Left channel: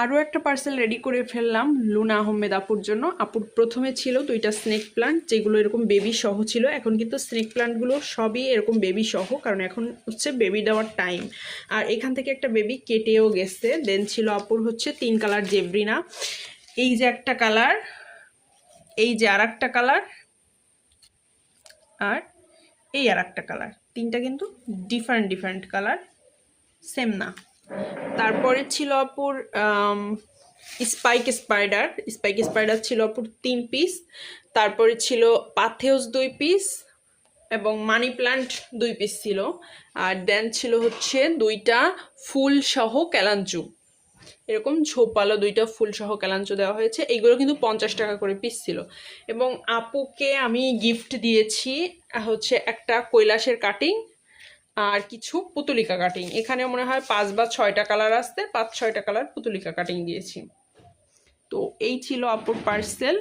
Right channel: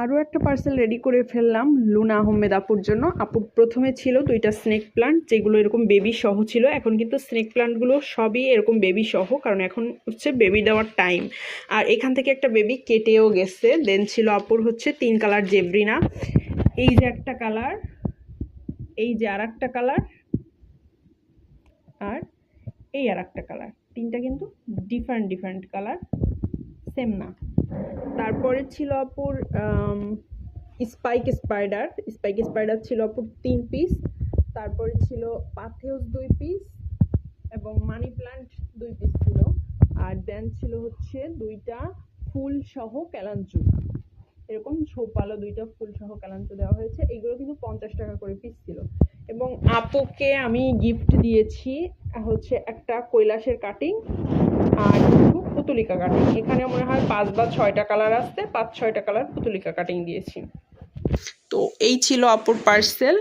আরও একটা parcel ready করে ফেললাম লুনা আহমেদ আপুর জন্য। আপুর প্রথমে ছিল 2টা স্নেক প্লান্ট, যেগুলো এরকম বেবি সহ ছিল। এখন কিন্তু স্নেক প্লান্টগুলো সবই এরকম বেবি সহ, কারণ এখন হচ্ছে বেবি দেওয়ার টাইম। আর এখান থেকে একটা বেবি কেটেও গেছে। দেন ছিল আপুর হচ্ছে 3 কালার জেব্রিনা। এই যে একটা কালার, এই যে আর একটা কালার, আর এই আর একটা কালার। 3টা কিন্তু ডিফারেন্ট কালার, সেম না। তারপরে ছিল আপুর স্পাইক স্পাইডার ছিল আপুর 3 পিস। তারপরে ছিল পাথেউস 2 পিস এবং মানি প্ল্যান্ট 2 পিস ছিল। আর দেন ছিল হচ্ছে 2টা ফুল সহ ক্যালাঞ্চু, এরকম ঝোপালো 2টা ফুল সহ ক্যালাঞ্চু দেওয়া হয়েছে। এইগুলো কিন্তু 50 টাকা করে পিস ছিল। এবং আপুকে আমি গিফট দিয়েছি হচ্ছে একটা কৈলাসের কাটিং আর কিছু পুতুলিকা কাটিং। এখানে মনে হয় 5 বা 6টা কালার আসতে, 5-6টা কালার পুতুলিকা কাটিং দিয়েছি। তো এই ছিল আপুর পার্সেল।